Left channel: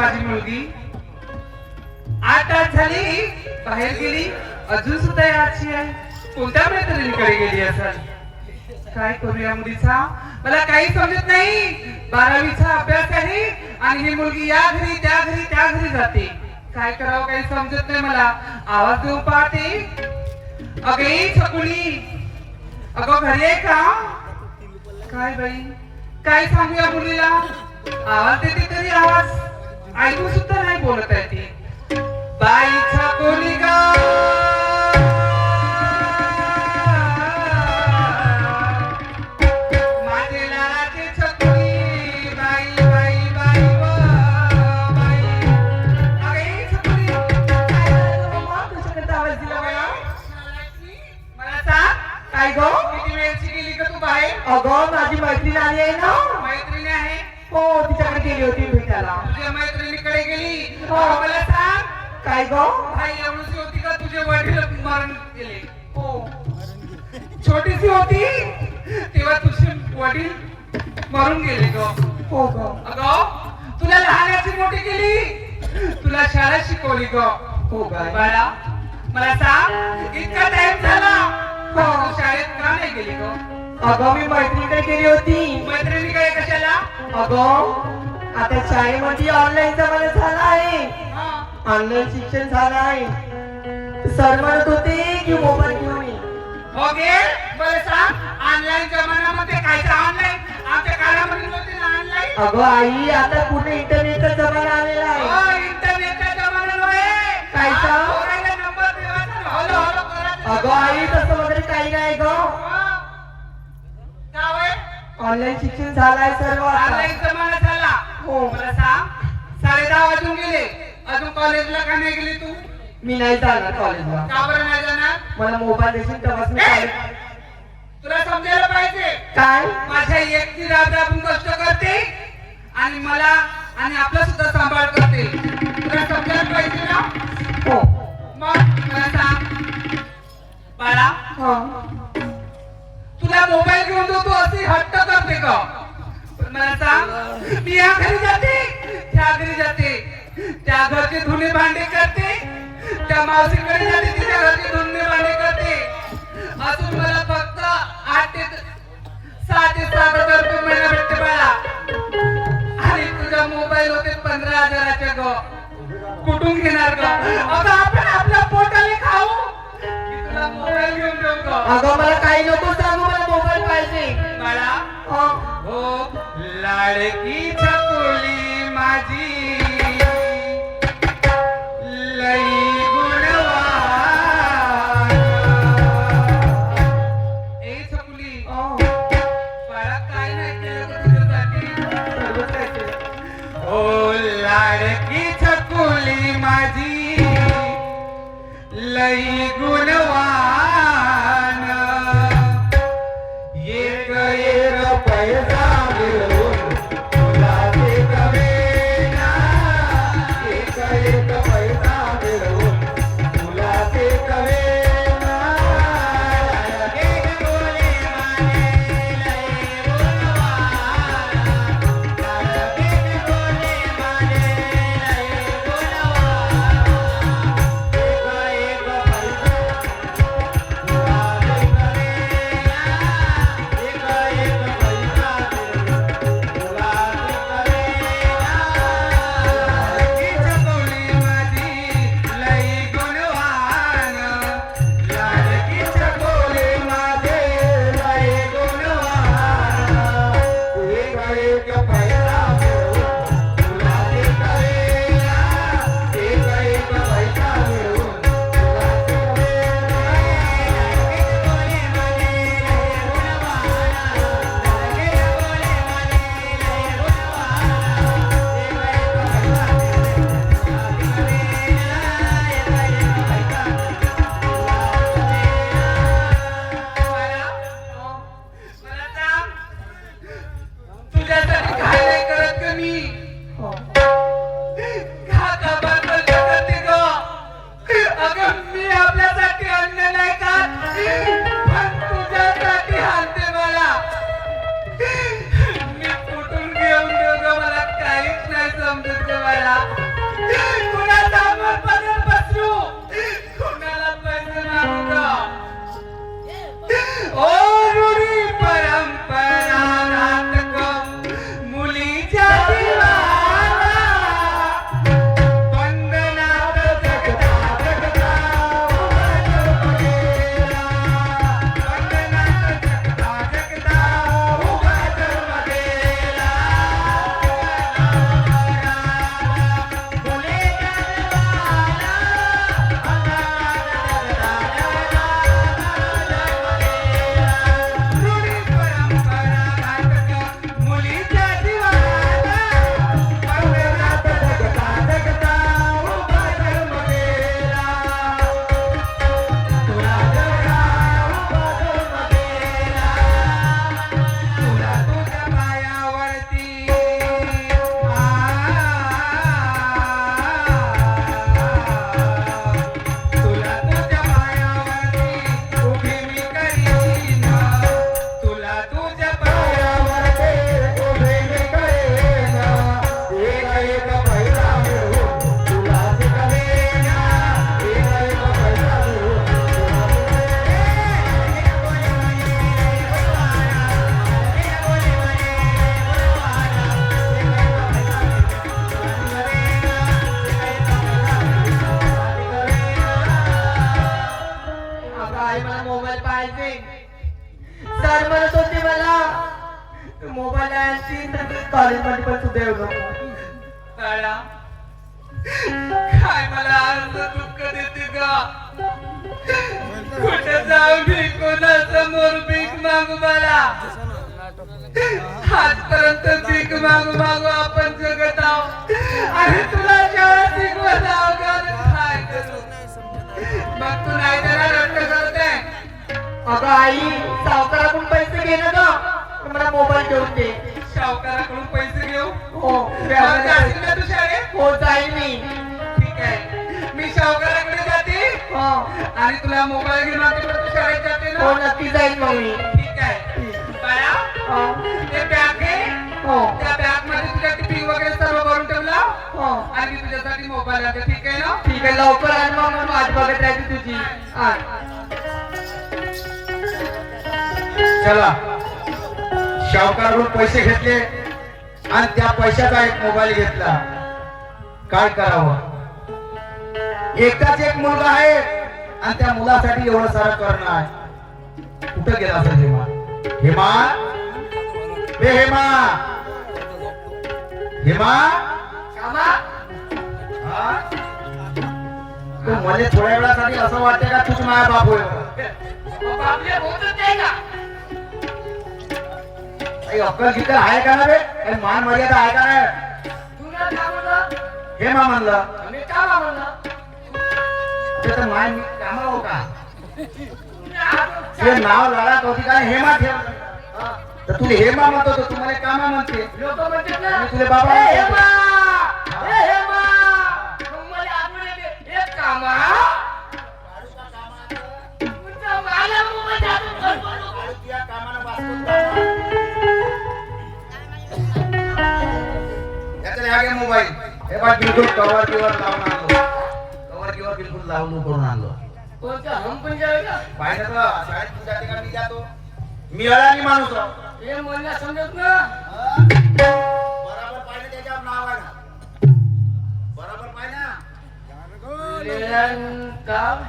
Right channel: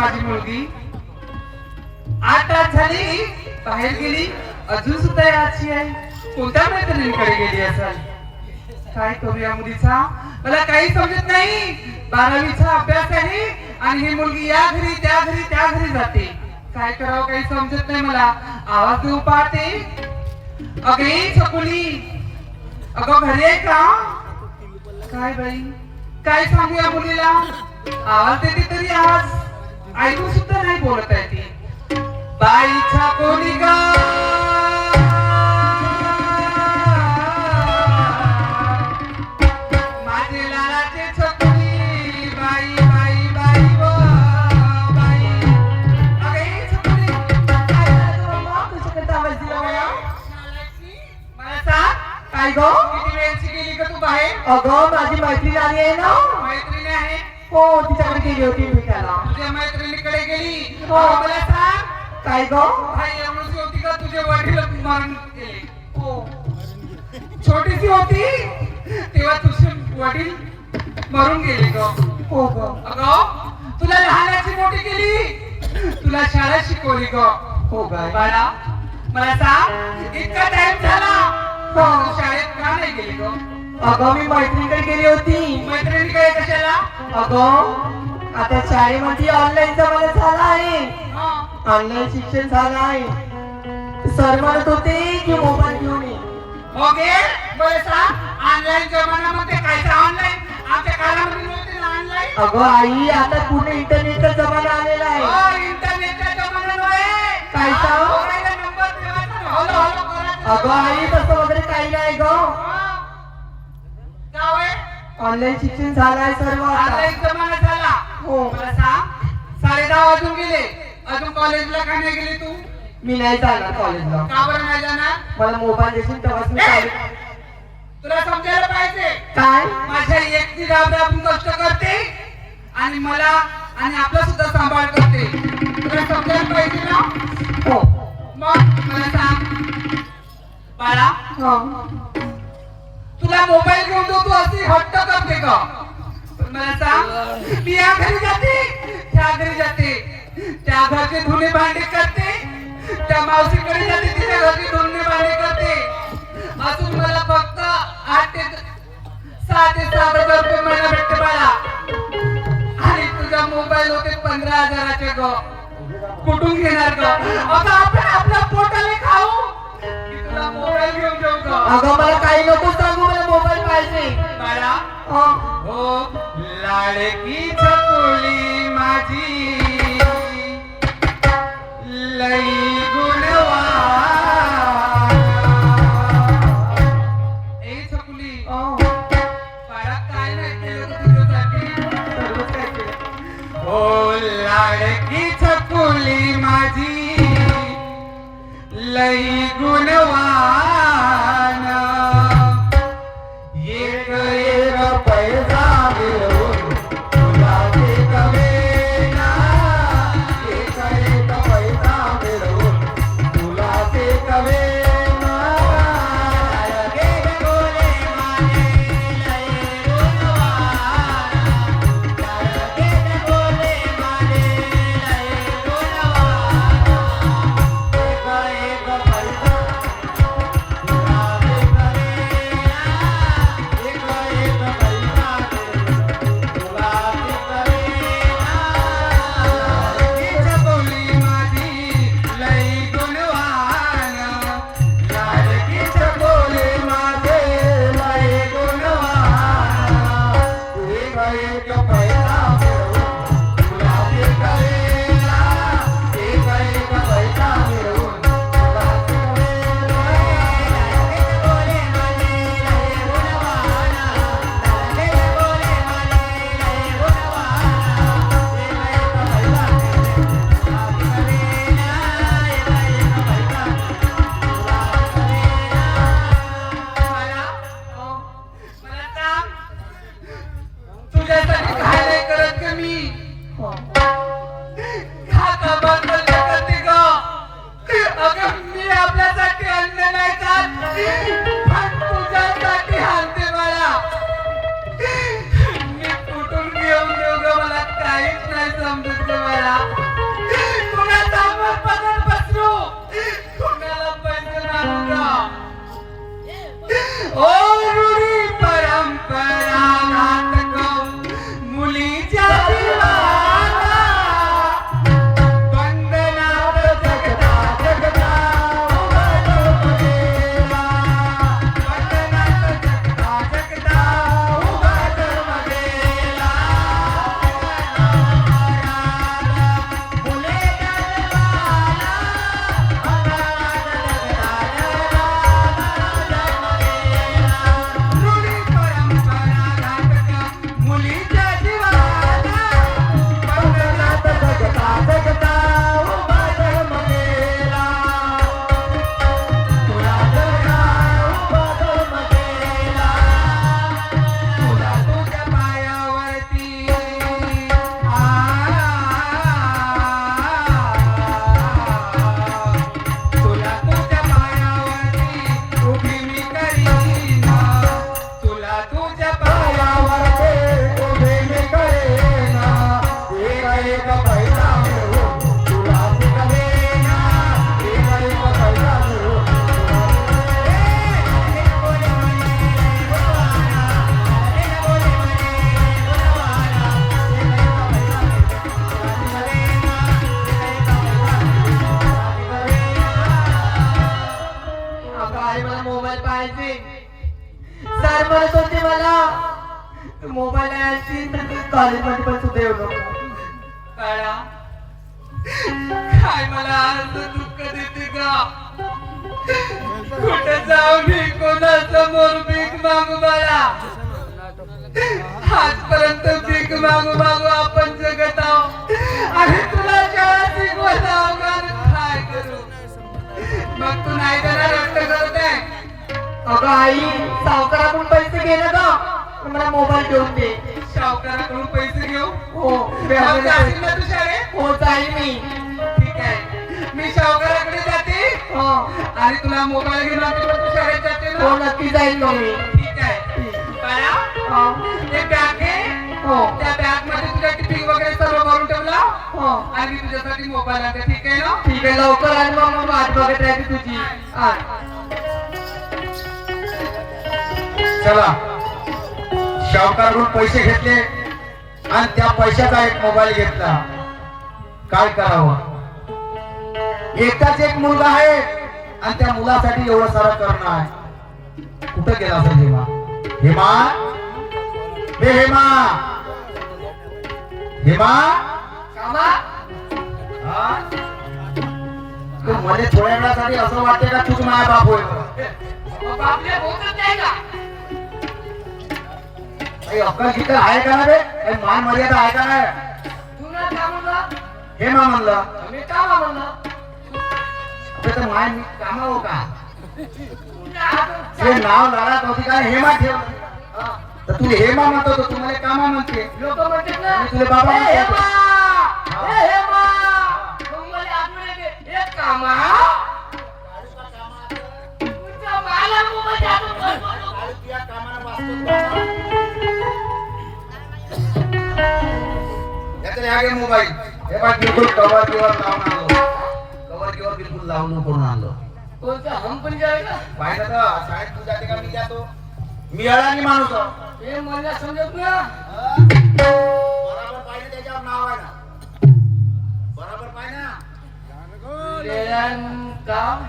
माझी मुलगी 8 तास झाली बाहेर गेली, अजून सुद्धा याची आहे. कोणत्या मैत्रिणीकडे गेली असेल? काय करू या मुलीचा? मला काही समजत नाही. 12वीचा अभ्यास आहे आणि ही मुलगी या घरी त्या घरी त्या घरी जाते. काय करावं काही समजत नाही मला. आवाज देऊ पाहते. अगे छकुली, अगं घरी आहे का? काय बाई, काय सांगू या मुलीला? आवाज देते तरी आवाज ऐकू सुद्धा नाही बोलत आहे ती. बाई छकुली ग, माझे लाडाचे छकुली, बाई बाई बाई व बाई. अगे छकुली, काय झालं बाबा? तुझ्याकडे आवाज दिला मला? मला सांग, काय गो? किती वेळची गेली का तू बाहेर? अगं माझी मैत्रीण आली आहे ना. मैत्रिणी आहे? हो, तिच्याकडे गेली होती भेटायला. तुझ्या मैत्रिणीकडे गेली? हो. मला सांग, काय गो? काय एवढीशी होती का तुझे वडील मरण गेले? हो. छोटीशी होती तेव्हा तुझे वडील मरून गेले ग. हो गो. अगं तुला लहानाची मोठी केली, तुला शाळा शिकवली ग. हो गाय. बाळा मला सांग, इतका टाइम झाला तू शाळेत का नाही गेली ग? अगं मी मैत्रिणीकडे गेली होती. मैत्रिणीकडे कशाला? अगं आता शाळेमध्ये ऑनलाईन जमाना झाला आहे. ऑनलाईन शिक्षण झालं आहे. सर म्हणत होते की मोबाईल घेऊन ये. हो गे, बरं सांग, ऑनलाईन जमान्यामध्ये काय ऑनलाईन? आमच्या काळामध्ये नव्हते ना ऑनलाईन. अगं आई, आता पुढे इंटरनेटचा जमाना आलेला आहे. हो, इंटरनेटच्या जमान्यामुळे काय सांग? मोबाईलला नंबर ठेवायचा, हॅलो हॅलो करायचं. अगं आई, तसं वगैरे काही नाही ग. का होय? ऑनलाईन शिक्षण झालंय सर्व आता. ऑनलाईन जमाना झाला. हो. मला सांग, 10:30 वाजून गेले, अजून कॉलेजला का नाही गेली तू? मी नाही चालणार कॉलेजला. का बरं नाही जाणार? मला मोबाईल देशील तेव्हाच मी कॉलेज. तुला समजायला पाहिजे, काय? माझ्या एकटी राबून कष्ट करते आणि मला आणि आपला सुद्धा सांभाळ करते. तुला समजायला पाहिजे ना? हो. मग मला सांग बाळा, हो. तुला मोबाईल घेऊन तू अशी हट्ट करते का? पण मला सांग, मी या घरी जाते त्या घरी जाते, त्या घरचे धुणे भांडे करते, त्या मावशीकडे जाते तिच्या घरचे धुणे भांडे करते. अजून मला फक्त 8 ते 6 ते 7 हजार रुपये मिळायला भेटते मला. आणि तुझ्या मोबाईल होते 15,000चे ग. कुठून घेणार ग? अगं आपण आपल्या पोटाने खाऊ की तुला मोबाईल घेऊन देऊ ग? अगं मला काही नको सांगू, मला मोबाईल पाहिजे. बाळा, हो. हो लाडकी छकुली माझी, लई गुणवान. ए छकुली, हो. बाळा काय नाही केलं तुझ्यासाठी? सर्वच काय केलं. हो लाडकी छकुली माझी, लई गुणवान. एक एक पैसा मिळून तुला ते कवेना, एक एक पैसा मिळून तुला ते कवेना. एक गोले माने लई गुणवान, एक गोले माने लई गुणवान. एक एक पैसा मला कुणाचा आपण पदर पसरू कुणाला पैसे मागू ओ रूढी परंपरा नाटक मुलीच्या जीवाला वंदनात जगता जगता वंदनात जगता उभा जन्मलेला मुलीच्या रूढी परंपरा नाटक मुलीच्या जीवाला वंदनात जगता जगता उभा जन्मलेला तुला जगा उभा जन्मलेला तुला तुझ्या पायावरती तुला तुझ्या पायावरती उभी मी करीन तुला तुझ्या पायावरती उभी मी करीन एक एक पैसा मिळवून तुला मी करीन एक एक पैसा अगं आई मला मोबाईल पाहिजे सर म्हणत होती मला मोबाईल आणशील तर कॉलेजमध्ये पण सुद्धा येऊ नको काळा काय मला आज दुःख देते ग कुठे जाऊ मी कोणासमोर भीक मागू मला आजपर्यंत भीक मागू मागू आपण जगत आहोत आणि तुला शाळा शिकवत आहोत का? काय करू मग तू नाही त्याला रट्ट करते अगं आई सावकाराकडून पैसे घे ना गं मला मोबाईल घेऊन दे सावकाराकडून पैसे घेऊ हो मग जाशील ना तू शाळेत हो जाईल मी ठीक आहे मी सावकाराकडे जाते हो आणि तुला मोबाईल घेऊन आणते पण तू शाळेत जाते हो ना नक्की जाईल मग मी ठीक आहे काळा हो ते बॅग आहे हो त्या बॅग मध्ये तुझ्या टिफिन वगैरे सर्व भरून ठेवला हो आणि तुझ्यासाठी मोबाईल आहे ठीक आहे ना ठीक आहे लवकर आण मग मला वाट बघत राहते तुझी हा चला शावकाराकडून पैसे घेतले आणि त्या पैशाचा एक मोबाईल घेतला काय करावं एकटाच एक मुलगा आहे आणि त्या मुलासाठी एवढं सारं करणं आहे कुठं गेला असेल हेमा हेमा हे हेमा हेमा कामा हा? तू मला थोड्या वेळासाठी असं वाटते का तुझी माया बाप होय आपल्या बोलत नाही का काही अक्कल किती आहे का ना रे काही मान मर्यादा आहे का नाही तुला का म्हणलं हेमा म्हणलं मी का म्हणलं ते तर मान काम हो का तुला हे नाव लावत होती का हेमा ठेव तर तू हेमा म्हणतो तर तुम्हाला कामा म्हणते लोक म्हणतात ना आणि तुझे बाबा ए म्हणतात. हेमा ए हेमा तुम्हाला आठवण येते एक कामा तुमचा मला मोबाईल द्या मोबाईल हे बघ बिलकुल कवर लावून आणलो कवर बिलकुल लावून करून आणलो कोणता हम पण जाएगा पाहिजे तर शाळेत तू जाते का मी जातो मी अडाणी माणूस आहो. ये मला समजत ना बराबर पाहिजे त्याच्यावर नाव आहे ना बराबर पाहिजे ना लेलन काम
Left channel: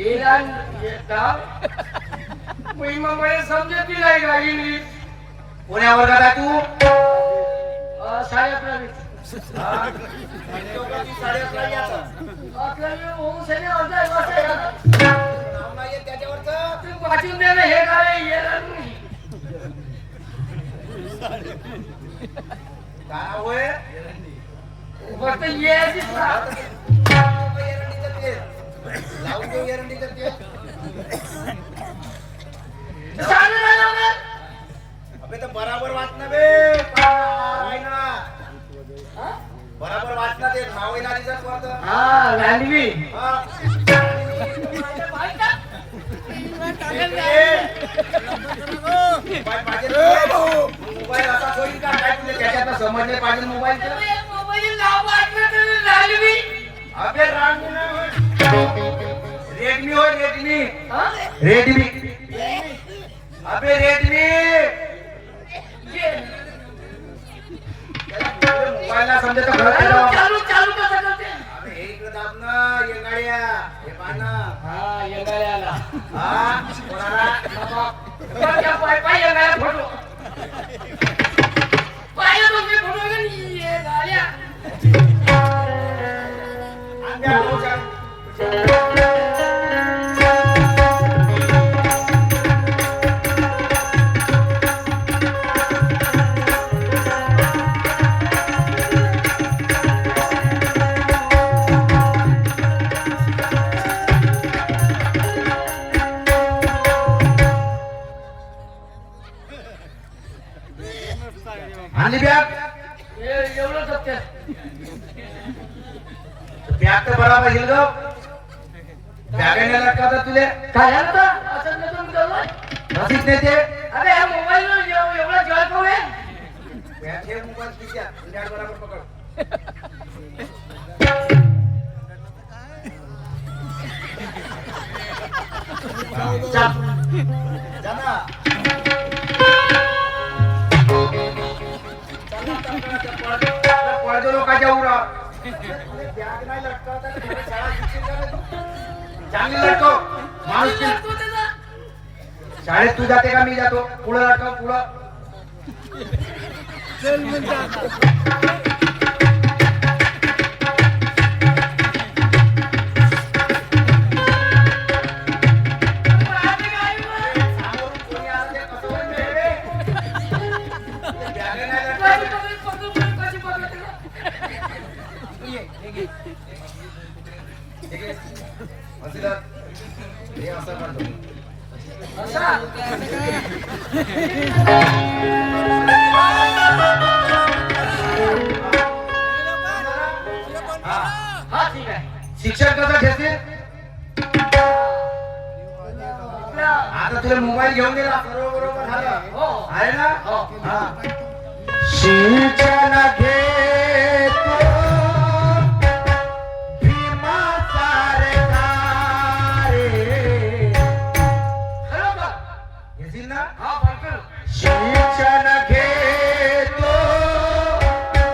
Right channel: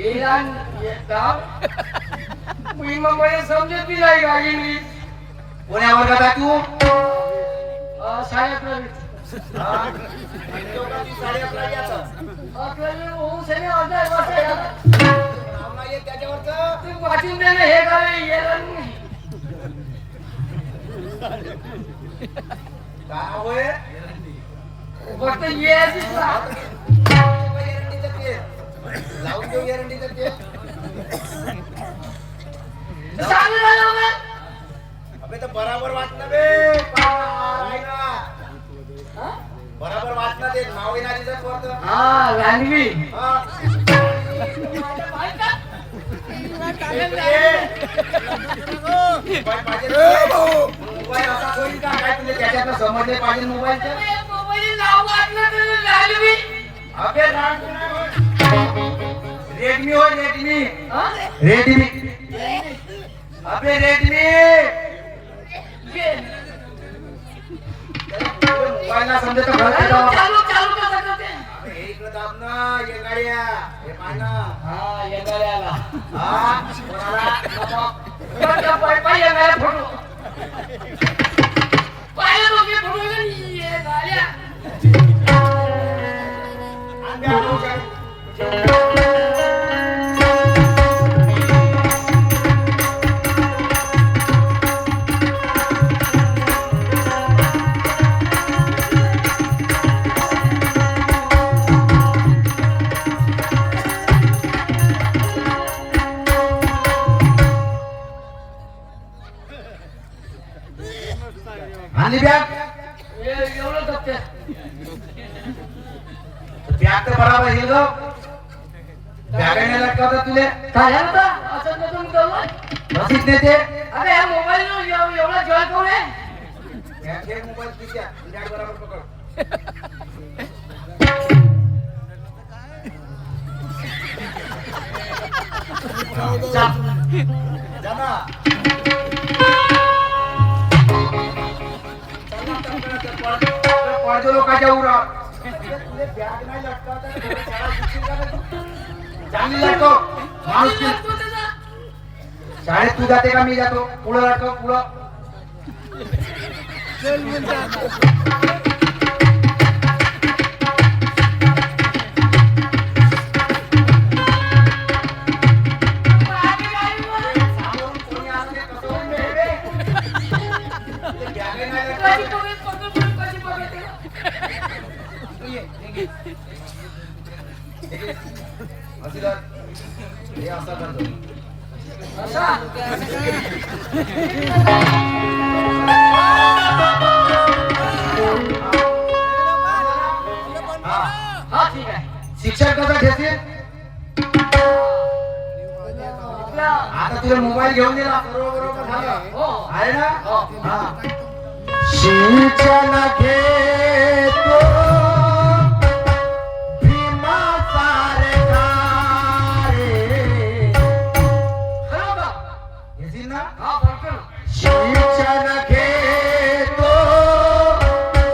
इरान ये काम मी मग मला समजत नाही का इंग्लिश कोण्या वर्गात आहे तू शाळेत नाही हा? चौकात 11:30 ला यायचं. आपल्याला होऊ सगळे अर्धा नाव नाहीये त्याच्यावरचं तू वाचून दे ना हे काय येरण काय होय फक्त ये दिसला एरंडीचं तेल लावून देऊ एरंडीचं तेल चालू राहिलं अबे तर बराबर वाचणं बे पाय ना बराबर वाचणं ते नाव आहे ना तिथं वरतं. हा लँग्वी हा. मोबाईल पाहिजे रे. मोबाईल असा होईल का काय तुला त्याच्यातलं समजले पाहिजे मोबाईलचं मोबाईल नाव अबे रेडमी हो रेडमी रेडमी अबे रेडमी मोबाईलला समजायचं घर करावं. अबे हे इकडं दाब ना येंगाड्या हे पाहा ना हा आणि बॅग बॅग तर बराबर येईल गं. बॅगेने लटकावतात तुले रसीद देते बॅग घे मोबाईल पिशव्या बॅग बराबर पकड जा ना पडदे लोकांच्या उरा बॅग नाही लटकावता चांगली लटकव माणूस शाळेत तू जाते का मी जातो पुढं लटकव पुढं शिक्षण कसं घेते आता तुला मोबाईल घेऊन दिला सर्व बरोबर झालं आहे ना हा शिक्षण घेतो भीमा सारखारे येशील ना शिक्षण घेतो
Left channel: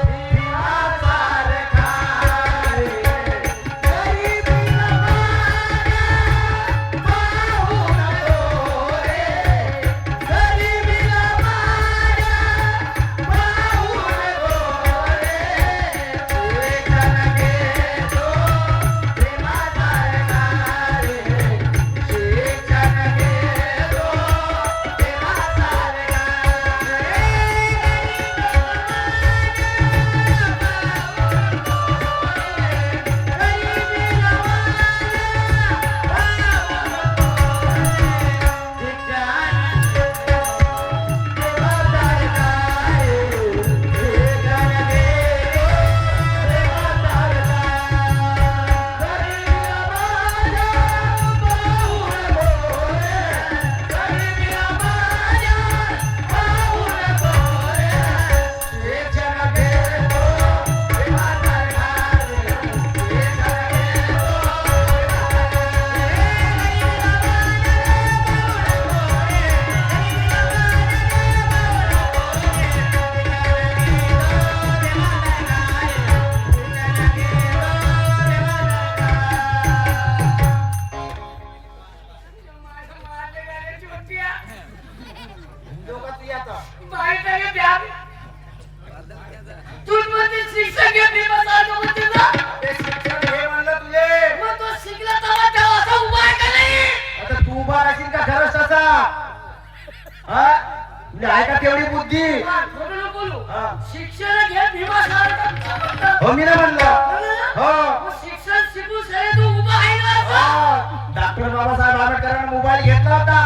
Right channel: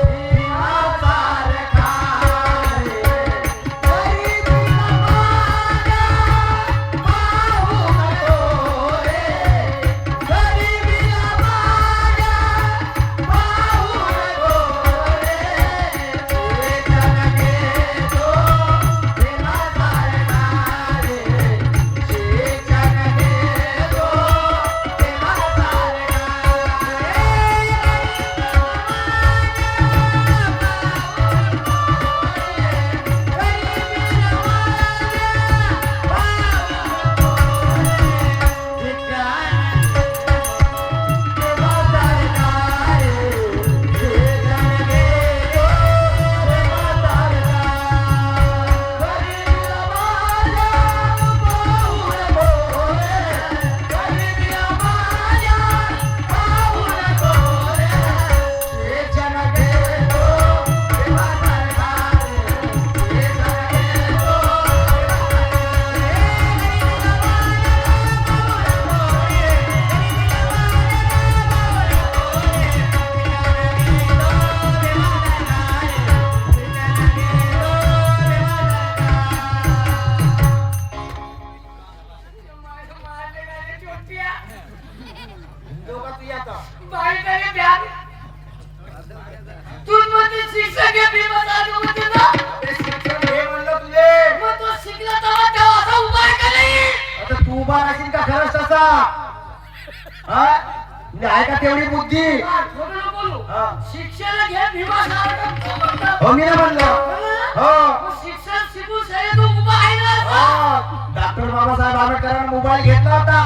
भीमा सारखारे तेवढी बुद्धी शिक्षण घे भीमा हो मी नाही म्हणलं हो शिक्षण शिकून सगळे तू उभा आहे ना डॉक्टर बाबासाहेब आंबेडकरांनी मोबाईल घेतला होता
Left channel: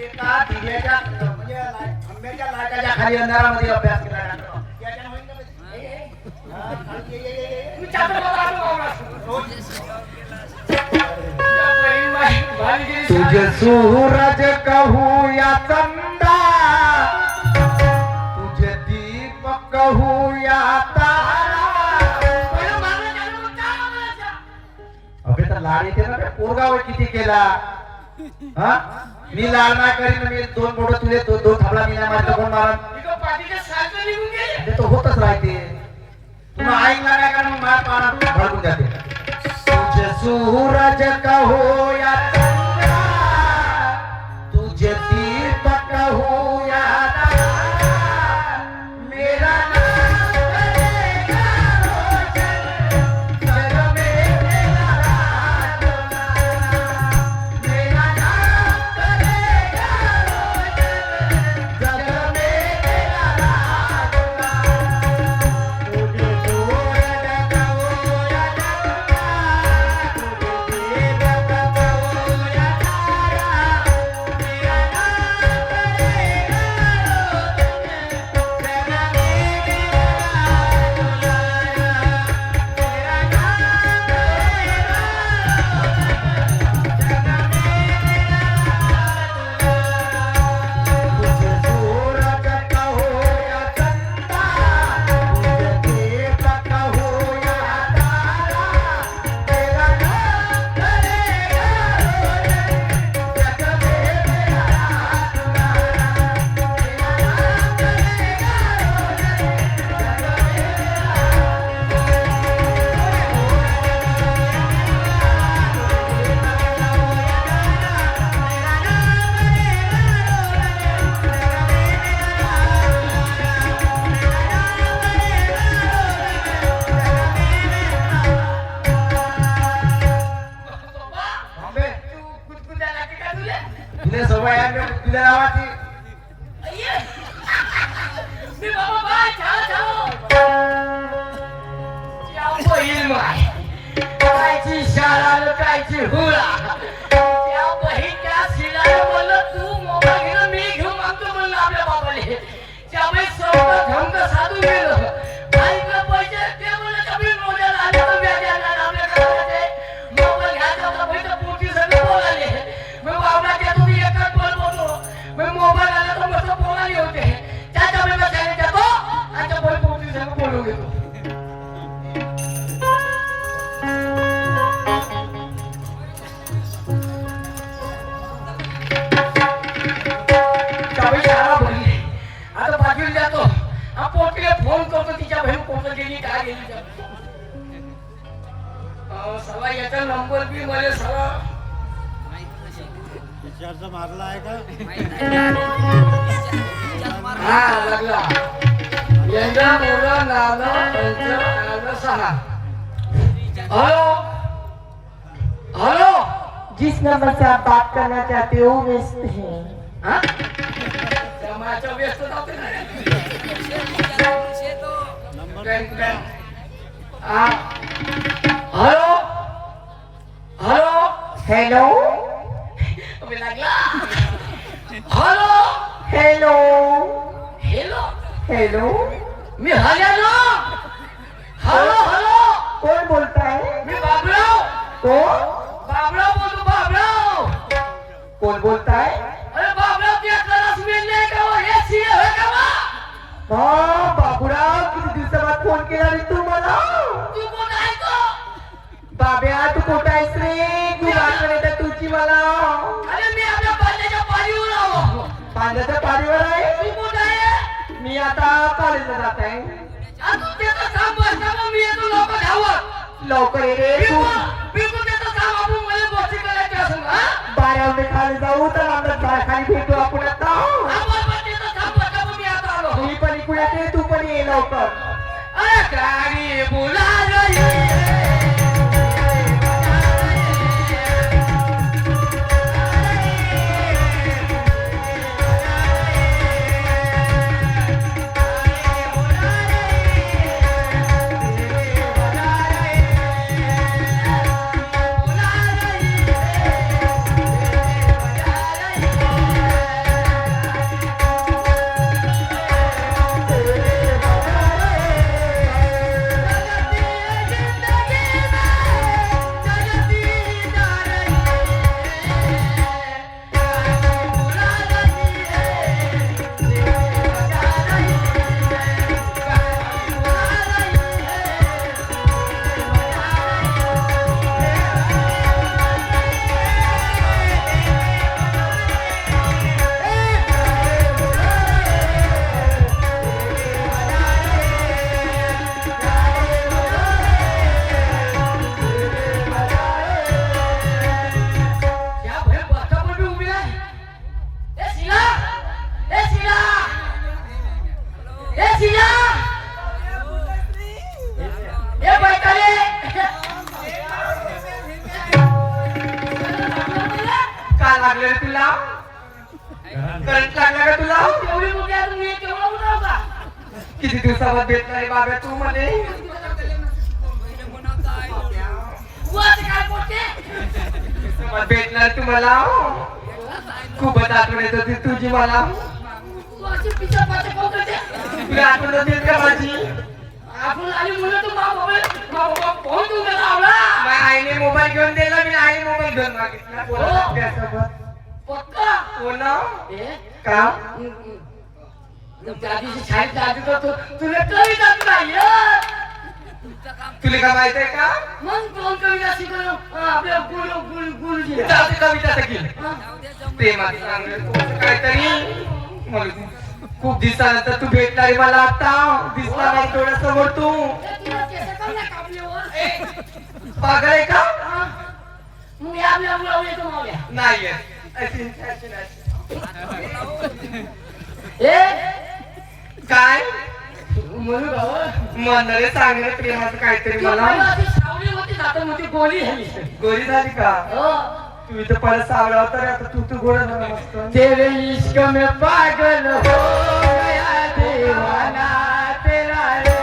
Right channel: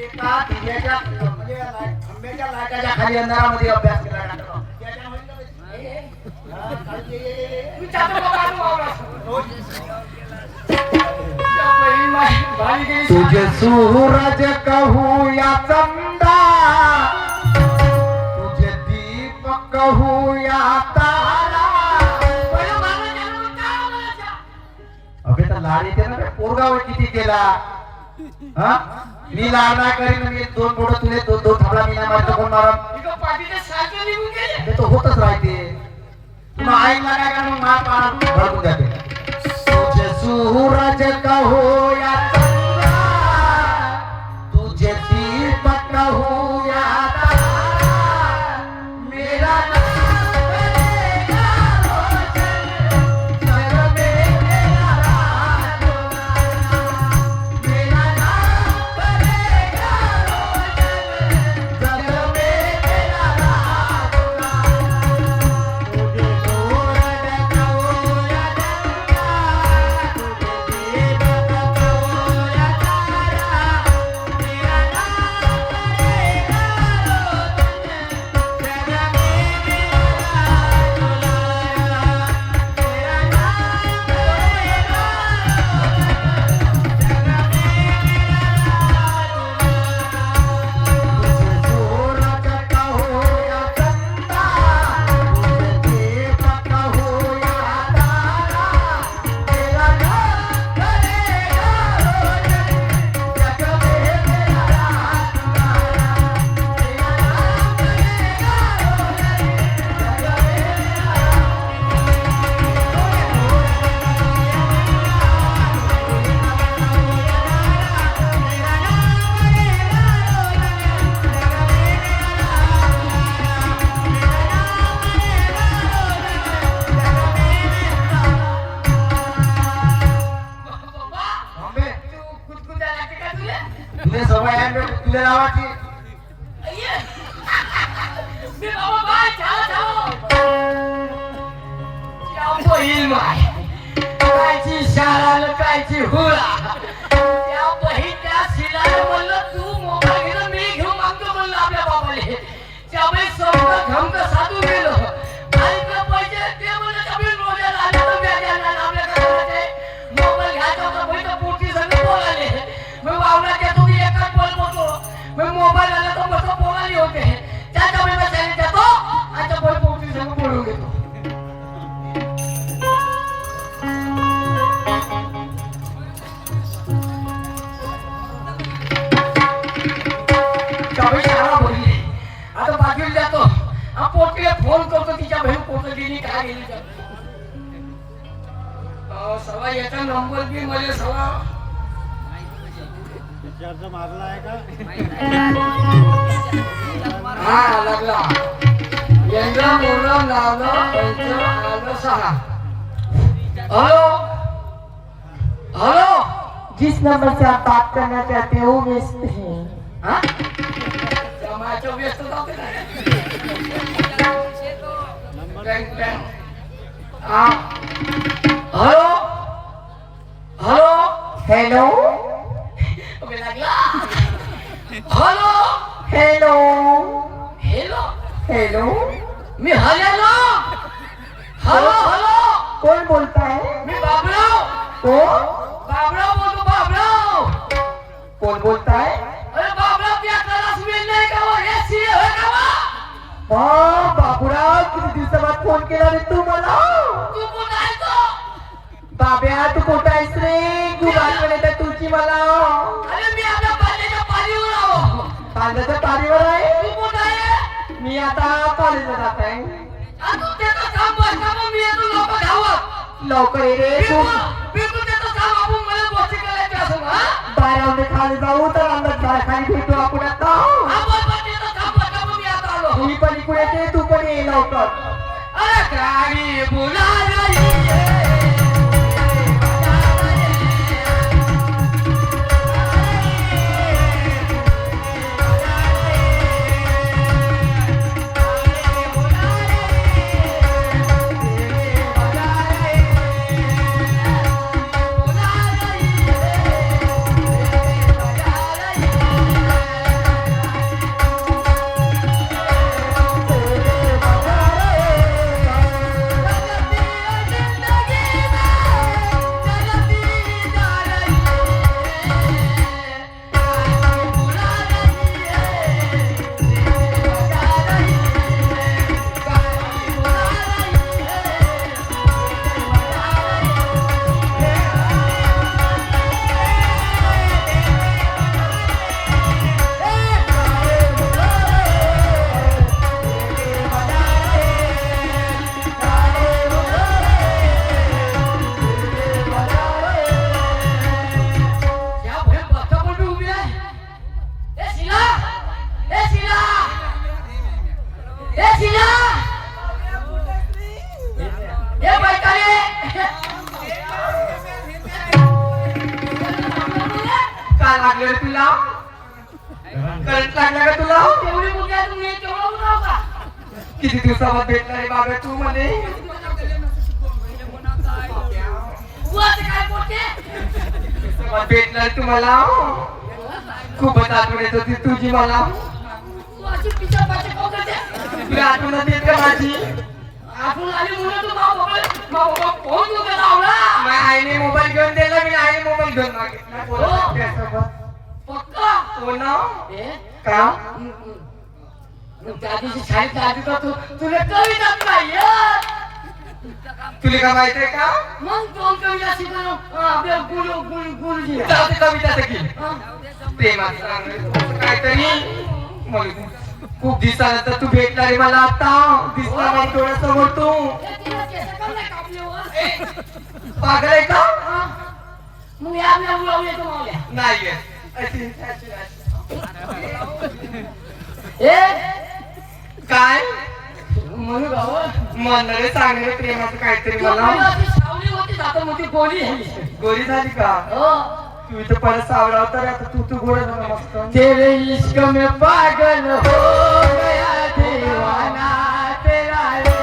एका दिव्याच्या म्हणजे आंब्याच्या लाटाच्या खाली अंधारामध्ये अभ्यास केला डॉक्टर तुझे सूरज कहूँ या चंदा तुझे दीप कहूँ लाड येते ना पोरगावर किती केला हा मी लाड नाही करीन मी दोन मोठं तुले दोन थांबला मी नाही माझ्या कोण मारा इथं पाठीचे साचे निघून गेले. ते तो होतच राहते तुला आईला काय का मग मार मारा भडकून जाते तुझे सूरज कहो या चंद्रा तुझे दीपक कहो या तारा मेरा नाम करेगा रोशन घर में तेरा राज मेरा नाम करेगा रोशन घर में तेरा राज तुझे सूरज कहो या चंद्रा तुझे दीपक कहो या तारा मेरा नाम करेगा रोशन तेरा तुझे सूरज कहो या चंदा तुझे दीपक कहो या तारा तेरा नाम करेगा रोशन जग में तेरा राज तेरा नाम करेगा बाबा, तू कुटकुट्या लागते का तुला? तुझे सवय आहे तुझ्या नावाची अय्ये. मी बाबा बाय छाव छाव बहीण माय कायची शाळा कायची हुळा त्या बहीण त्या शिलाला बोललो तू मोबाईल घेऊन मी घेऊन मागतो बोललो आपल्या बाबाले त्यामुळे सगळं धमक साधून गेलो बाईकला पैसे ते बोलले कमी मोबाईल आले तर व्याज आला आपल्या घराचे मोबाईल घ्यायचा होता बहीण पोटी सगळे बोलाले मी बाबा देतो की एकच बोल बोलतो मी मोबाईल आला तर मस्त बोलाली होते त्याच्या वेळेला त्याने देतो आता बोल पोटी सगळं बोलून घेतो त्यामुळे शाळा बोलली आता पाठवून जातो हा पोटीला फोन करतो तिच्या बहीण कुठं गेली काय गेली जातो सगळा याचा नंबर बी मला सगळा हा लागला यंदा मोरा लावला पंच आलं सहा हॅलो हॅलो जिस नंबर से आप बात करना चाहते हो व्यस्त है हा समाजच्या व्यस्त जाते ना हॅलो हॅलो हेलो लागला हॅलो हेलो हॅलो हेलो मी हॅलो हॅलो हॅलो कौन बोलता है मी बाबराव कौन बाबराव बोलतो बाबराव कौन बोलता है अरे बाबराव त्या त्याला सुनेल नाही का वो हे सीए होय का वो हाँ बाबूराव किती दिवसाबाद फोन केला रे तू मला तू कोण आहे तो बाब्या तू कुठे आहेस रे तू गाणं येतं तुझी मला अरे मी आपल्या पाल्याच्या पारीवर आहो कांद्याच्या पारीवर आहे तू कोण आहे मी आता कॉलेजला जात आहे आता त्याचं काम बसता मग मी येतो लोक धावत लवकर ये रे तू बिलकुल त्याचं काम आपण मला गोष्टी करायची असेल हा बारावणे खाली जाऊ तर आम्हाला खाली भेटू आपण आता हा बोल त्याचं काम बसता मग मी आता आलो मी पण इकडे येते तू पण ये लवकर अरे गाडी बुला रही लागलं तुला? करंट लागला का तुला? एवढी मोठी आहे तुम्ही केवढा उठाव का किती दिवसावर भेटणार बाबा तू म्हणे? वर काय पोटे भेटणार तुम्हाला? खूपच आठवण येत होती तुझी मला. तू अशी पिक्चर पाहते कोकणचे तुला आठवण येते का माझी? आपण आली म्हणून तू बाबा फोन देऊ का लावला माझ्या आईने मोबाईल घेऊन दिला, मी आईने मोबाईल घेऊन मागितला. बोलत त्यासोबत. पक्का हो ना? ए का? त्या दिवशी शाळेत आधी तर तुला कविता काय यार तुला काय माहितीये का? मग कोण कविता शिकवलं आपल्या गुरुजी जाऊ कविता सगळी प्रेमात सांगत काहीतरी मला खूप दिवसानंतर तू भेटणार मला. आता दिसला नाही डोळ्यासमोर तू. पागल आहे का? मग या येतो मावल्या नाही ए काय म्हणू बाबा म्हणणारे सांगणे प्रेमाचं काहीतरी मला. सावली होती आता मोठी गोळी झाली गोरी झाली का? हो तू इथं परत सावळा तर आता तू गोड झाला मस्त. तेरे इश्क में पागल हो गया दीवाना तेरा रे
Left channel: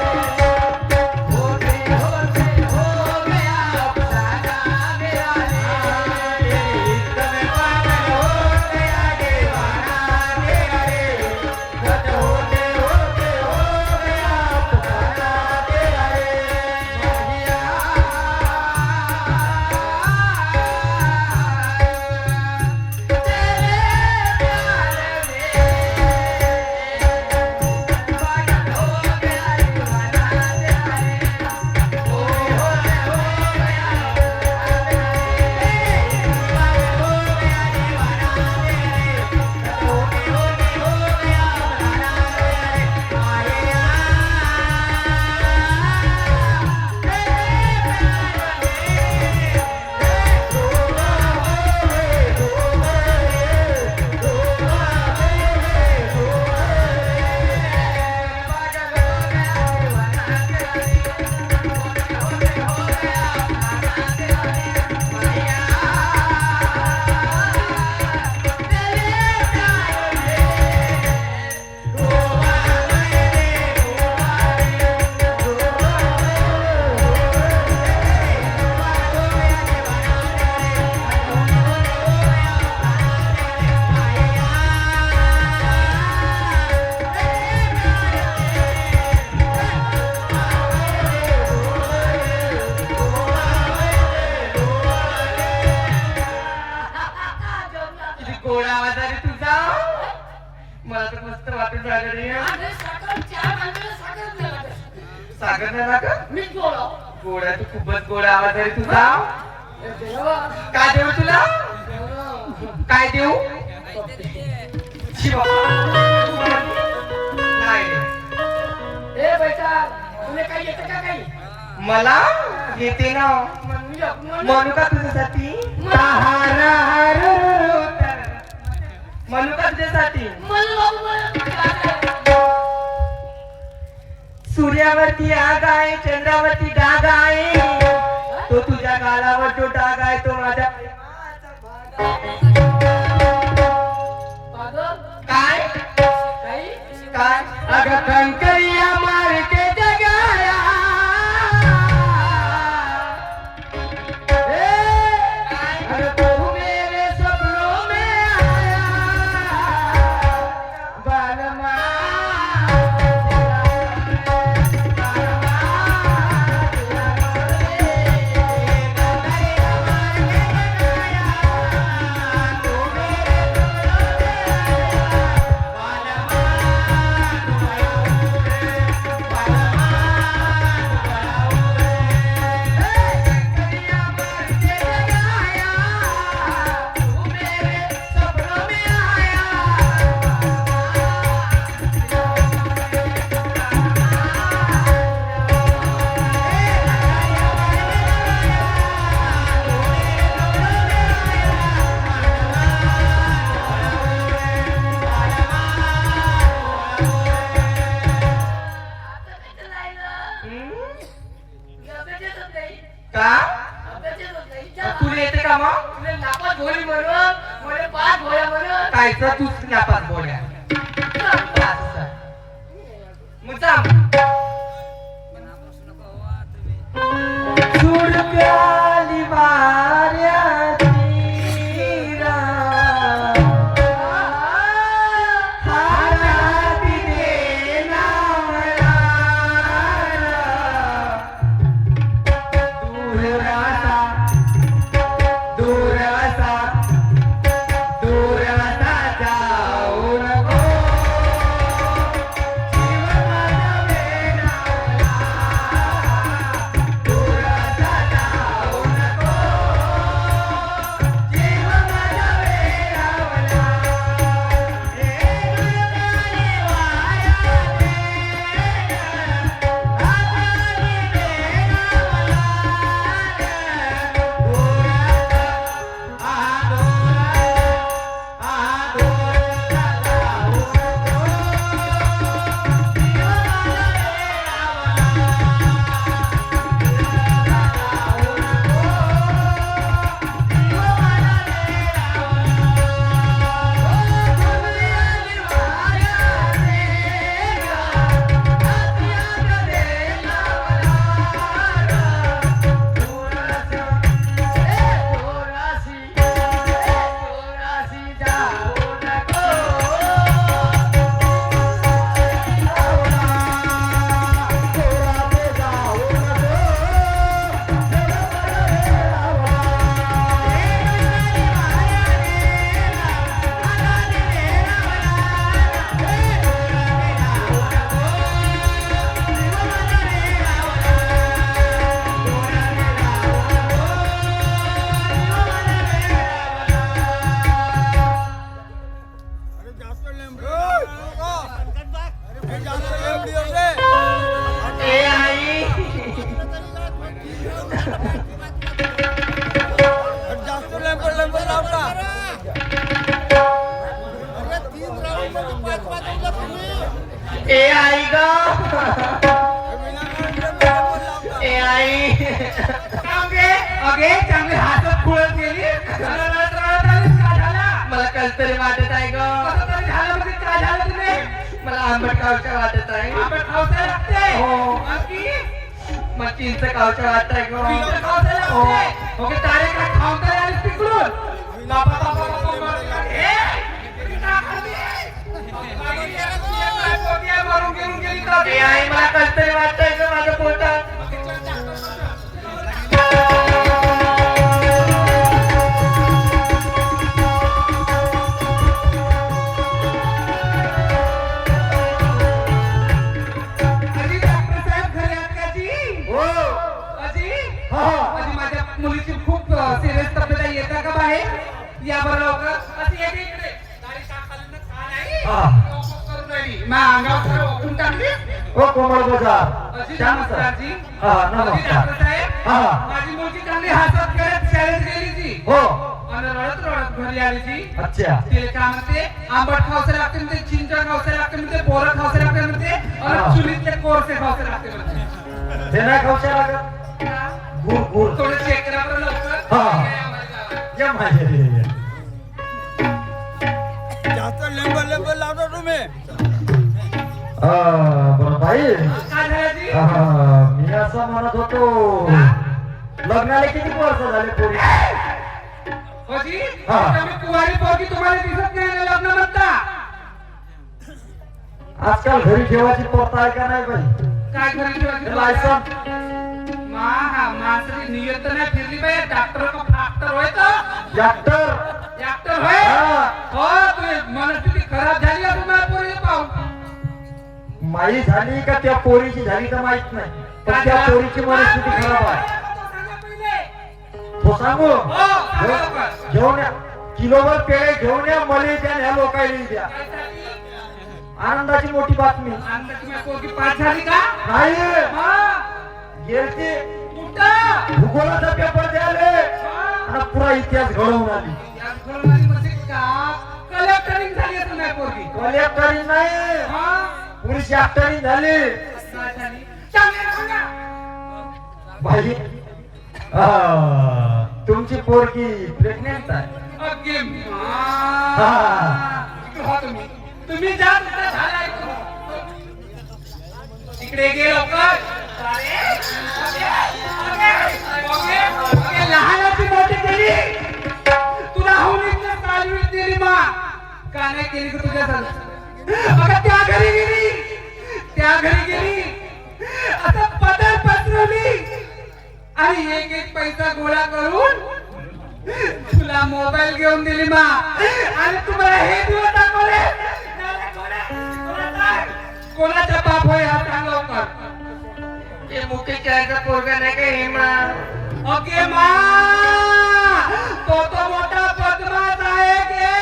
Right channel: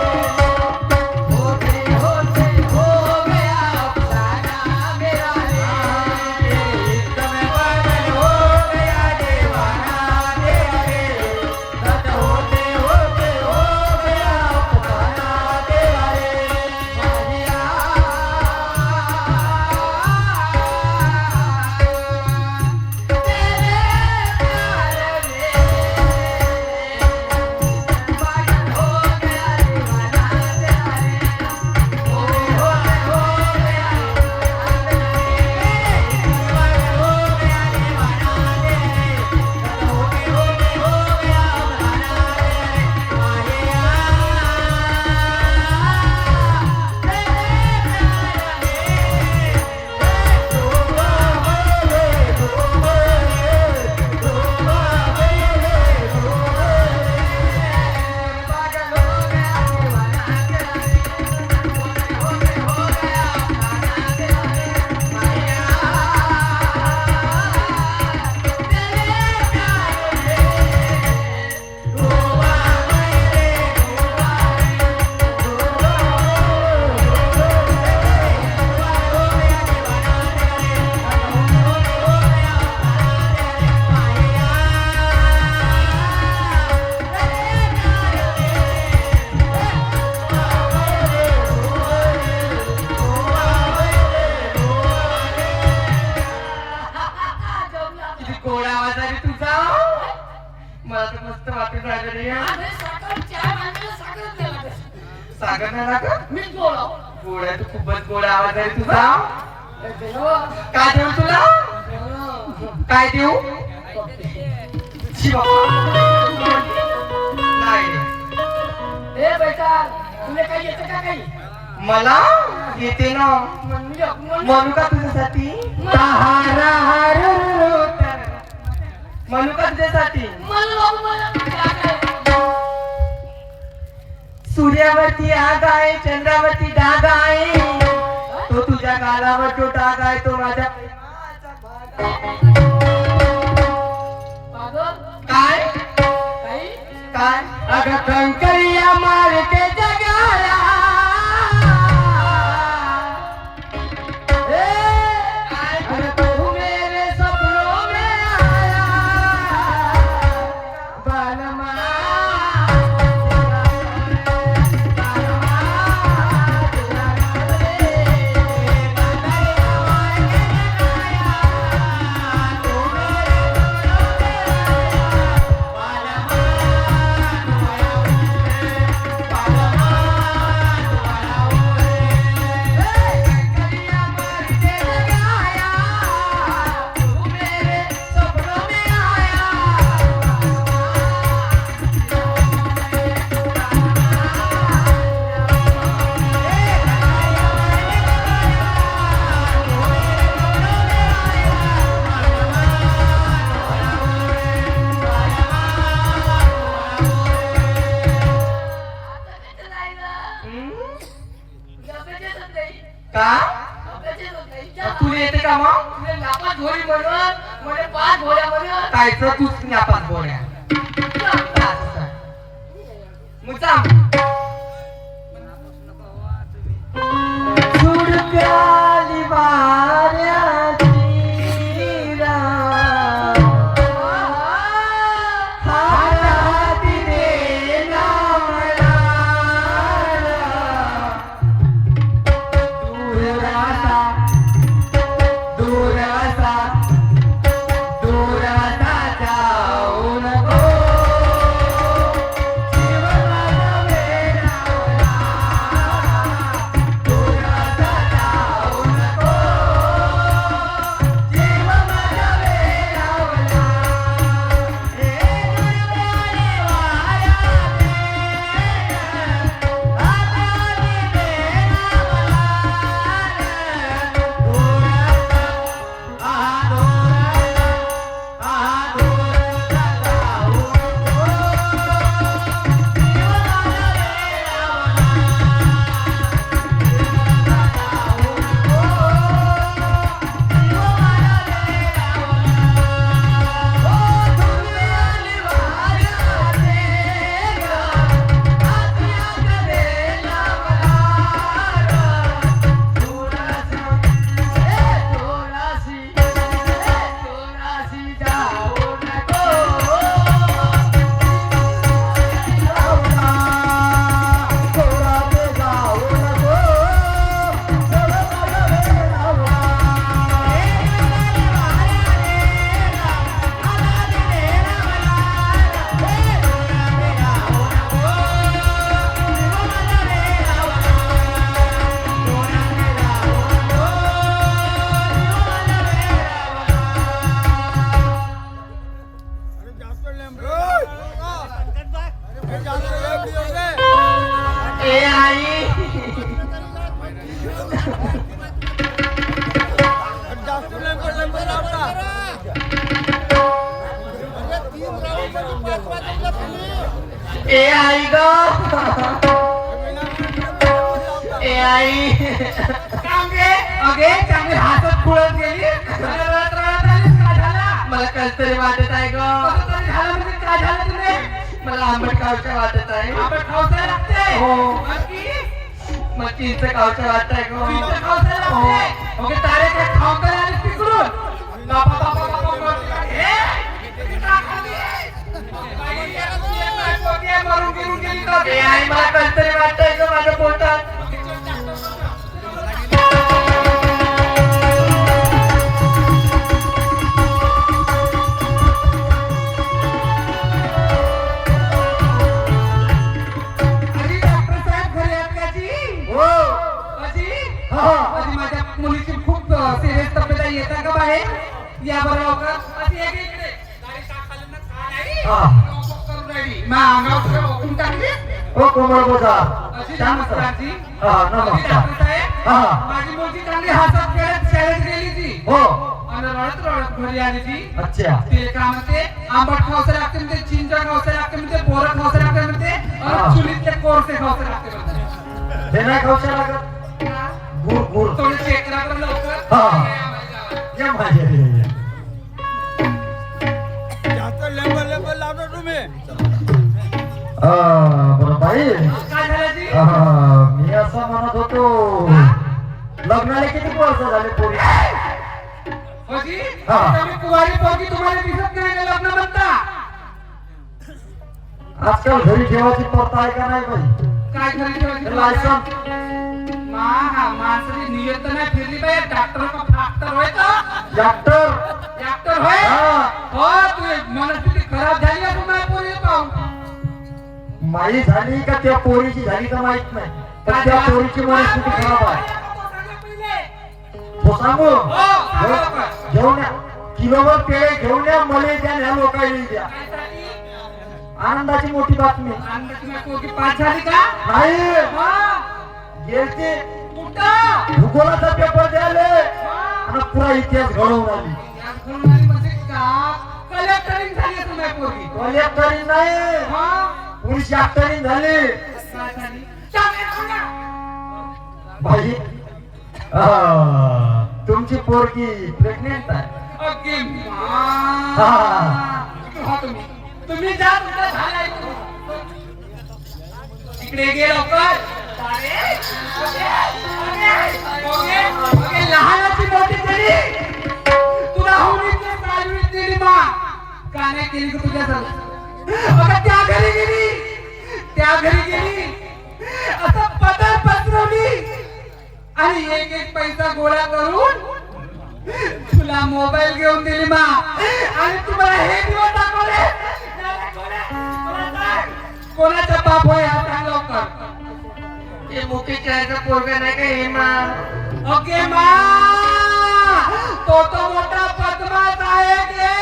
होते होते हो गया अफसाना मेरा रे तेरे इश्क में पागल हो गया दीवाना तेरा रे होते होते हो गया अफसाना तेरा रे किती गोड आवाज आहे रे तुझा. मला तर मस्त वाटून राहिलं रे. सागर ना का? गोड आहे तू, खूपच गोड आवाज आहे तुझा. काय देऊ तुला? काय देऊ? शी बाबा. नाही मला येते ना. म्हणू का तुझ्यासाठी? म्हणू का तुझ्यासाठी? सूर्यावरती आग आहे, चंद्रावरती डाग आहे. तो तुझ्या गालावर जो डाग आहे तो माझ्या प्रेमाचा भाग आहे. काय काय? अगं कंकरिया मार के जगाया अरे तू मेरे सपनों में आया बालमा. कायचं तूच न्यापात गोड्या मग जा सुरत्याली वाऱ्याची रात, हाती देणारा दूर असा जाऊ नको ए आई ग ए आई अगे चांगली हातात खुळत गेली रडत आलीस, काय झालं? मला कसतरी वाटत आहे ग कसं तरी झालं म्हणजे काय झालं तुले? मला आंबट खावच्या वाटत आहे आपण खावसायला लागते. हो. बाकी? मग चिंच खावच्या वाटत आहे पिझ्झा ग खावसायला हो. लागते. ओके, डायरेक्ट खाऊन तर आलीस तिकडून. बाबा बाबा बाबा बाबा. किती टाकली? बाई, एक काय पोटी आहे, मरून गेली गेली का? ए आई मला कसतरी वाटतंय ग माझ्या पोटात आजी, डॉक्टर साहेब घरी आहेत का जी? हो आजी? हा. आजी, माझ्या मुलीची खूप सिरियस तब्येत आहे, येता का बाहेर? या बरं लवकर. आजी, ये इकडे. दाढी साफ झाली ना? का नाही? हा. डोकं करून राहिली. मा अंगावर सगळं ओकून टाकली. हो कोमल बोजा आजी, नमस्ते आजी. हा, नमस्कार. आजी, डॉक्टर साहेब. हा. माझी मुलगी चांगली हातात खेळत शाळेत गेली जी. हो आणि रडत रडत घरी आली जी. अच्छा तिला काय म्हणते, आंबट खावसे लागते म्हणते, चिंचा खावसे लागते म्हणते, बोरं खावसे लागते म्हणते, हा. आणि चुलीतले कोरसे खावसे लागते म्हणते. ते नाही खाऊ लागत हा? गुड गुड थोडं चेक करा बरं लवकर. हा. काय आवाज? या माझे बरं बाई काय झालं जी? मी असं म्हणत होतो लग्नाला किती वर्ष झाले पोरी बाजी, हा. तुम्ही कुवारी पोरगी तुम्हाला दिसत नाही आणि लग्न म्हणता. आजकाल घरी ठेवायची पत्ता आहे का नाही बाई काय करायची बाजी हे तुम्हाला? लायसन माणसाची नियत नाही फिरली पाहिजे. डॉक्टर का फाक्टर होय तर? डॉक्टर डॉक्टर होय? हा. हो, तुझी मनस्थिती खराब झाली आहे तुम्हाला पोरी पाहून. माई झाली का त्या पोरीची झाली का माहित नाही पण त्या पोरीची मनस्थिती खराब आहे तो सांगू हो, सांगा लवकर. घेऊन या किलोवर पेढे घेऊन या मला द्या ह्या लोकांनी द्या आनंदाची मोठी बातमी अंदाज तुम्ही पोरगी पास झाली का? नाही हा. गेलती कुठं? भूगोलाचा पेपर द्यायला हा. आणि पुरा इतिहास घडवून आली यात करून आली म्हणजे का? कलेक्टरिंग झाली आहे तुम्ही पोरगी. कलेक्टरी नाही हा. पोलीस डॉक्टरी झाली काय झाली? चांगलं सांगा. भाजी तुमची पोरगी प्रेग्नेंट आहे ओके हा. तुम्ही जा तुमचा झाला तिकडे गे लवकर लहानाची मोठी केली तुला होळीच्या चालू दिली मा का नाही केली का तुझ्या बघा त्या घरी गेली असं पदर पसरवली आणि एक एक पैसा गोळा करून तुला मोबाईल घेऊन दिली मा आणि तुम्हाला हे दिवस दाखवले कोणाचा बाप होय हा सांग लवकर हे मुख्य चायचा पोरगा नाही का हे मा ओके मा तो मोठा बदमाश आहे के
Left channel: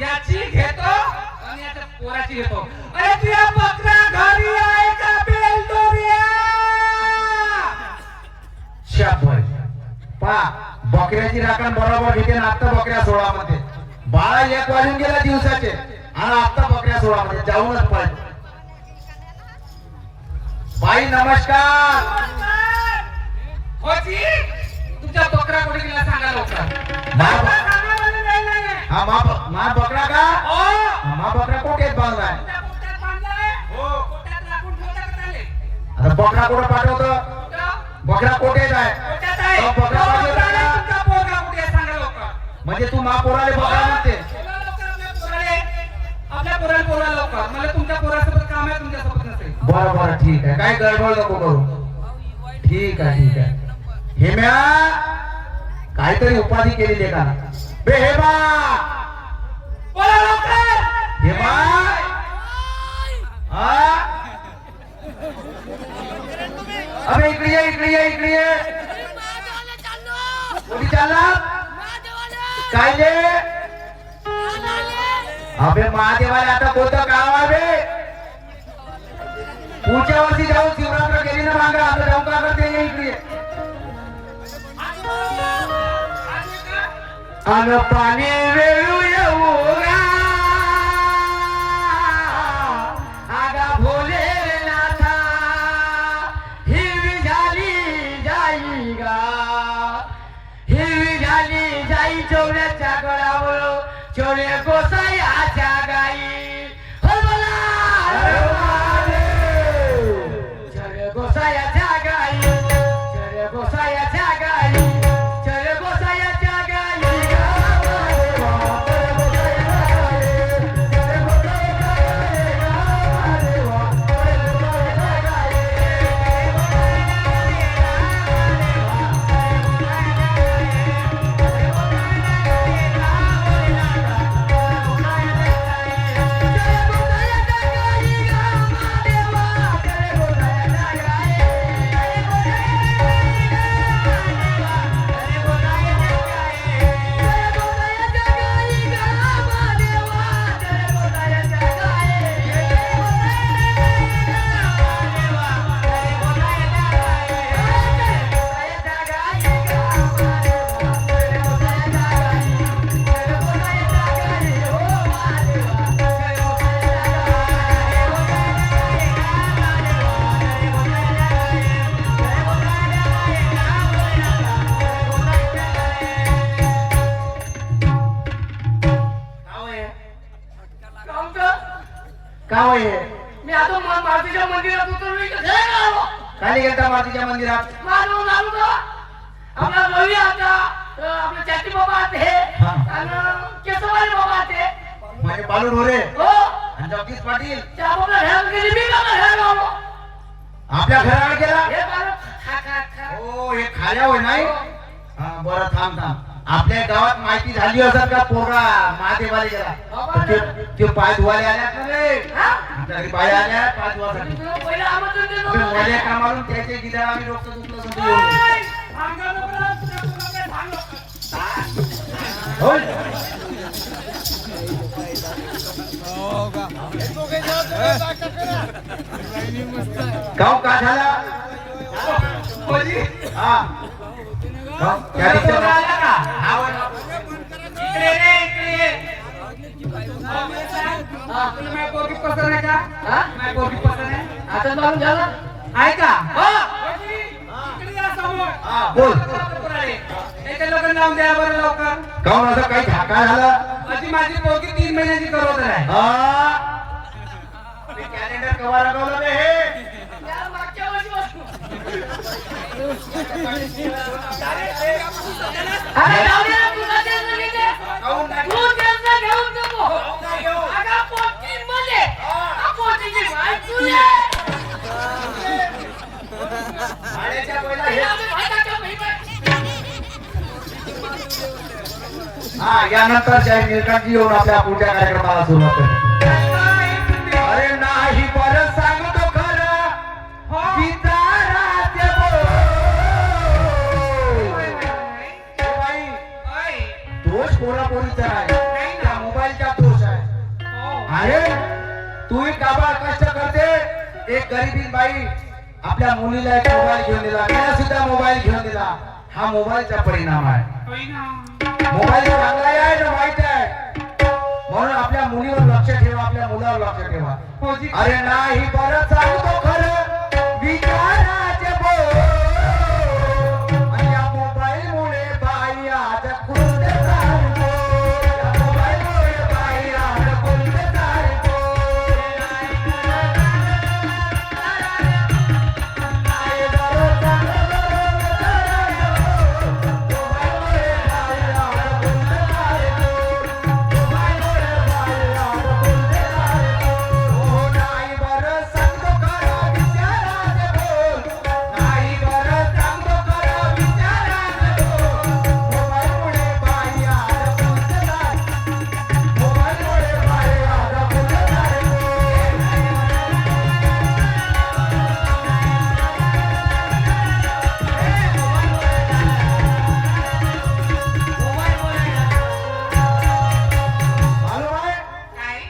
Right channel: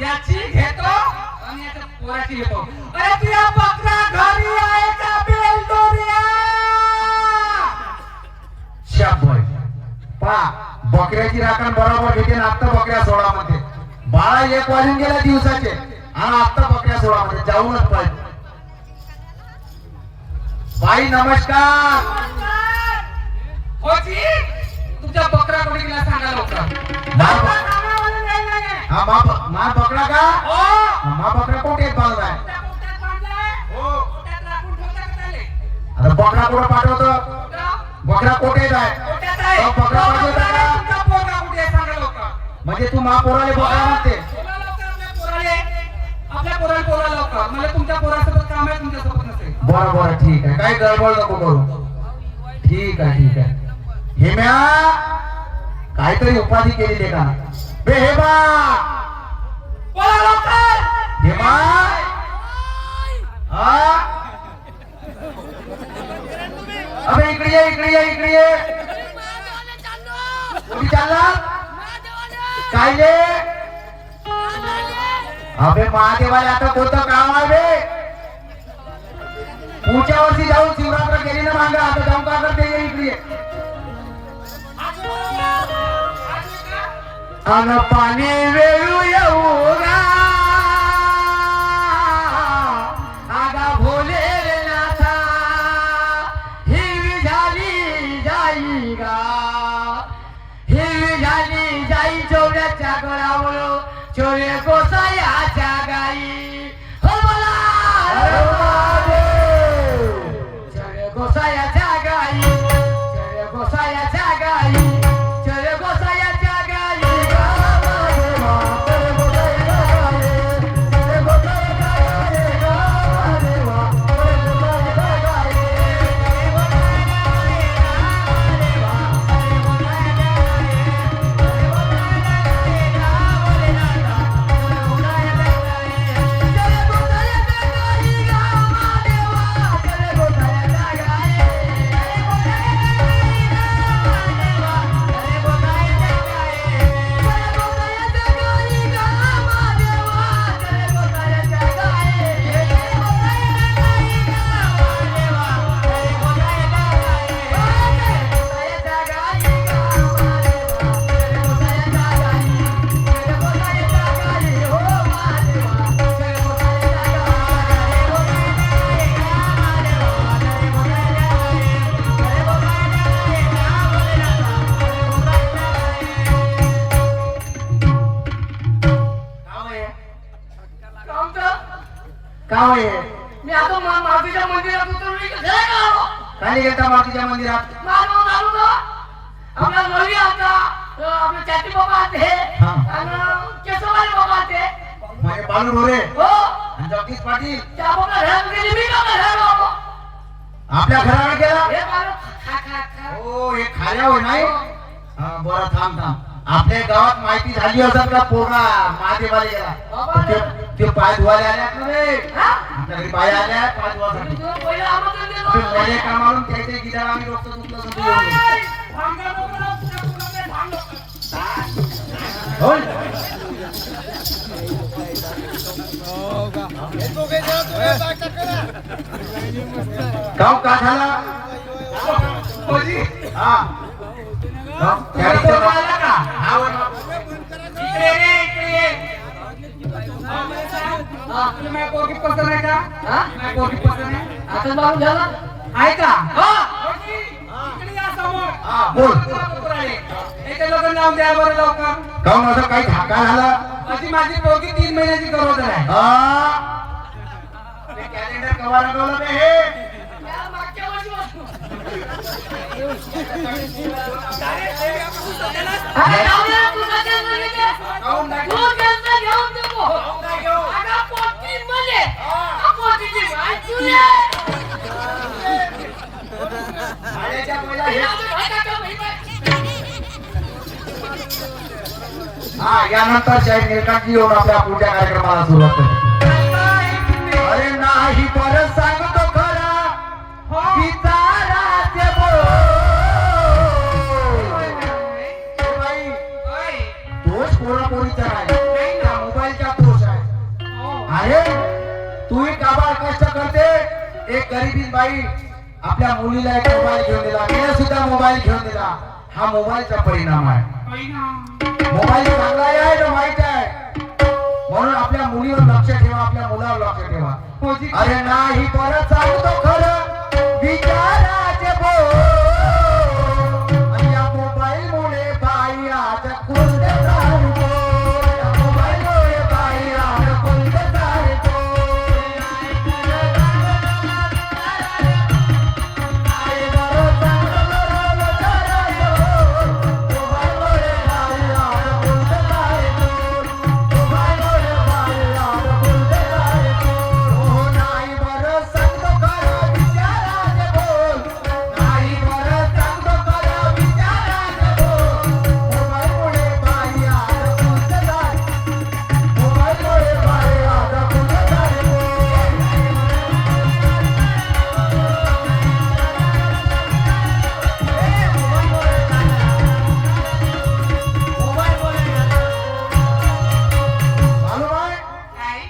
याची घेतो आणि याच्या पोराची घेतो अरे तुझ्या बकरा घरी आहे का बेलदोरिया शाबास. पहा बकऱ्याची राखण बरोबर घेते आणि आता बकऱ्या सोळामध्ये 12-1 वाजून गेला दिवसाचे आणि आता बकऱ्या सोळामध्ये जाऊनच पाहिजे. बाई नमस्कार. होची तुझ्या बकरा कोणी गेला सांगा लवकर हा मा बकरा का हो हा, मा बकरा कोठे बांधलाय तुझ्या पोटात बांधलाय हो पोटात राखून ठेवता का त्याले? आता बकरा कोण पाठवतो कुठं? बकरा कोठे जाय पोटात आहे. तो बकरा तो पाठवतो बकरा आहे, का? तुमचा पोरगा कुठे आहे सांगा लवकर. म्हणजे तू मा पोराले बकरा म्हणते बोला लवकर आपल्या पोराला बोला लवकर. मला तुमच्या पोरासोबत काम आहे तुमच्यासोबत नसेल. बरं बरं ठीक आहे काय गडबड नको करू. ठीक आहे हेम्या काहीतरी उपाधी केलेली आहे का बे हेमा बोला लवकर. हेमा हा अबे इकडे ये कुठे चालला काय रे अबे महादेवाला आता कोणतं काम आहे बे पुढच्या वर्षी जाऊन शिवरात्र गेली ना मांजरा आता जाऊन का करते इकडे अन पाणी वेळू येऊ गा आगा भोलेनाथा हिरवी झाली जाई गा हिरवी झाली जाई चोऱ्याच्या गळावर चोरे गोसायाच्या गाई हो बोला चोरे गोसायाच्या गाई चोरे गोसायाच्या गाई चोरे गोसायाच्या गाई काय मी आता मातीच्या मंदिरात उतरलो इकडे घरी आलो. खाली गेला मातीच्या मंदिरात मारून आलो ना आपल्या नवी आता आपले चाटी बाबा आते हा. आणि केसवारी बाबा आते म्हणजे बालू मोरे हो आणि जगदीश पाटील त्या बाबा घरात गेली मी का घरात आलो आपल्या घरावर गेला हे बाळ खा खा खा हो हे खाल्यावर नाही हा बरं थांब आपल्या गावात माहिती झाली असत का पोरा महादेवाला गेला ते पाय धुवाले आल्यात ना रे आपल्या घरी बाया आल्या पाय धुवासाठी तुला पहिले आमंत्रण देतो माझ्या कामावरून त्याचे गिरा आम्ही डॉक्टर दुखलं सुद्धा येऊन ओय, भांगा नको, तुझ्या पोराला भांग नको. हो गाव का झाला म्हणजे हा तुला पोरगा आला का? इकडे ये, इकडे ये. तुला माझी पोरगी पसंत आहे का? माझी पोरगी पसंत आहे? आता मारून झाला आहे का? इकडे या समोर. बोल बरोबर आहे. याच्या लग्न लावून द्या बरं लवकर. गाव माझा काही धाका झाला अशी माझी पोरगी 3 महिन्याची गरोदर आहे. कॅलेंडर कवा लागवलं मी हे त्या मागच्या वर्षी अरे जाऊया तू कशाला सांगितले तू त्यांना घेऊन नको अगं पोटी मले पोटीची माय तुले हा यानंतर जय निलकांतजी येऊन आपल्या पुढच्या कार्यक्रमाला सुरुवात करू. अरे नाही परत सांगतो खरं विचाराचे बोल. ए बाई दोष पोरापोरीचा आहे त्या मोबाईलचा दोष आहे. अरे तू एक काबाड कष्ट करते एक गरीबीन बाई आपल्या मुलीला एक मोबाईल घेऊन दिला तिला सुद्धा मोबाईल घेऊन दिला हा मोबाईलचा परिणाम आहे. मोबाईल चांगला आहे ना माहित आहे म्हणून आपल्या मुलीवर लक्ष ठेवा आपल्या मुलावर लक्ष ठेवा. अरे नाही परत सांगतो खरं विचाराचे बोल. आणि या मोबाईल मुळे बाई आज कुंडे सारखो. या मोबाईल मुळे बाई आज कुंडे सारखो.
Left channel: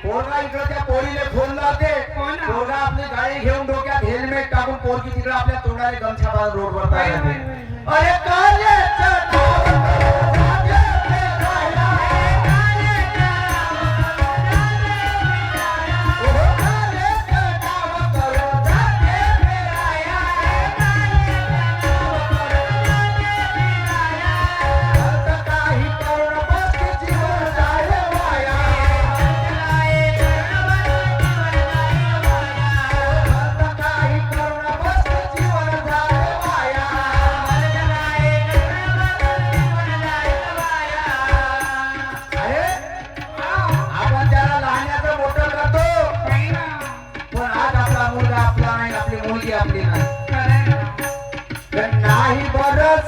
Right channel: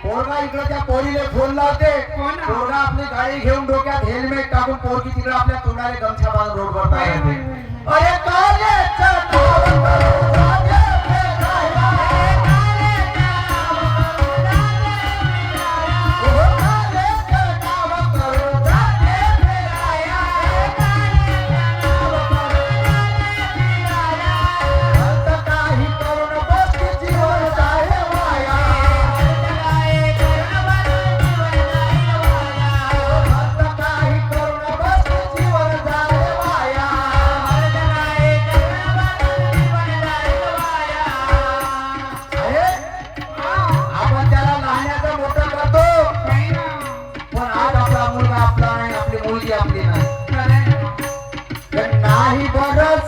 पोरगा इकडे त्या पोरीले फोन लावते पोरगा आपली गाडी घेऊन डोक्यात हेल्मेट टाकून पोरगी तिकडे आपल्या तोंडाला गमछा बांधून रोडवर जायला लागते. अरे कालेच्या नावावर जागे फिरायला. ओ कालेच्या नावावर जागे फिरायला. अर्ध काही करून बसतीची वर जायला वाया. आपण त्याला लहानाचं मोठं करतो पण आज आपला मुलगा आपला नाही आपली मुलगी आपली नाही. तर नाही बरं